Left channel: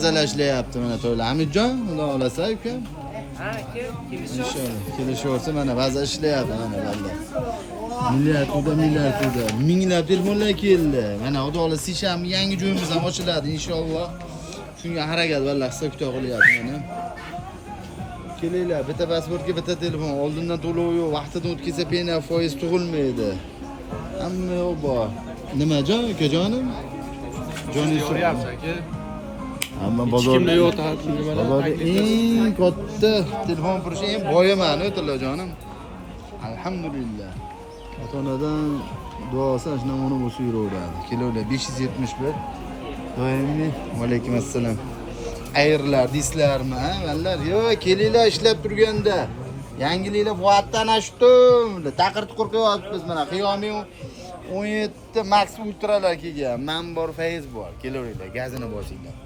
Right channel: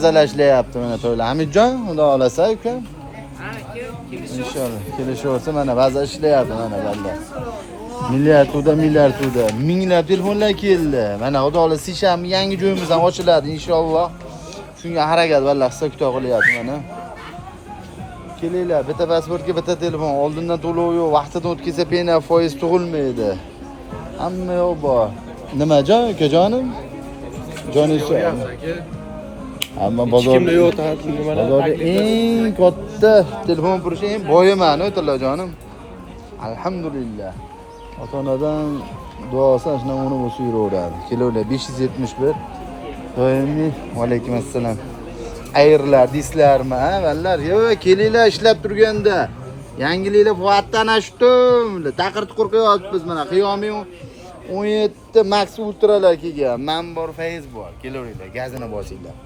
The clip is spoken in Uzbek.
Mazalashlayapti mana to'ylar. Hamidjon, xudo xolasa uka. Ha, kelishib. Inshaalloh kelishaversa mana ba'zi ishlayapti mana balla. Milliardda, minglab telefonlar keldi. Mana xudo xolasa seshanba yangi joyimiz ham ochiladi inshaalloh. Shunga harakat balla qilsa kuta qilyapti mana. Kelinglar, bitta pasportga bitta telefon, oldindan to'lov yo'q, vaqtida o'tkazsa pena foiz tug'ilmaydi. Hamma yo'q bor. Nima jon, ukajonim? Joningiz Amma bozorda yo'q nimalar eng katta telefon purishi eng boyiman, o'tillajonim. Alhamdulillah. Ota-onadan duosi ashuna uni bo'lsa yuraveradi. Kilolar 571. Doimiy va alaykum assalom. Ayirlar, dislarmi, ha, vallar? Yo'q, kelinglar ishlab turganda. Yangiliklar fuatdan ashdim. Taqirtib qo'rqyapmiz mana. Qiyomiy 17 Max Ultralar kelgan. Men bor, Fayz bor. Kelaveringlar, gazini bosinglar.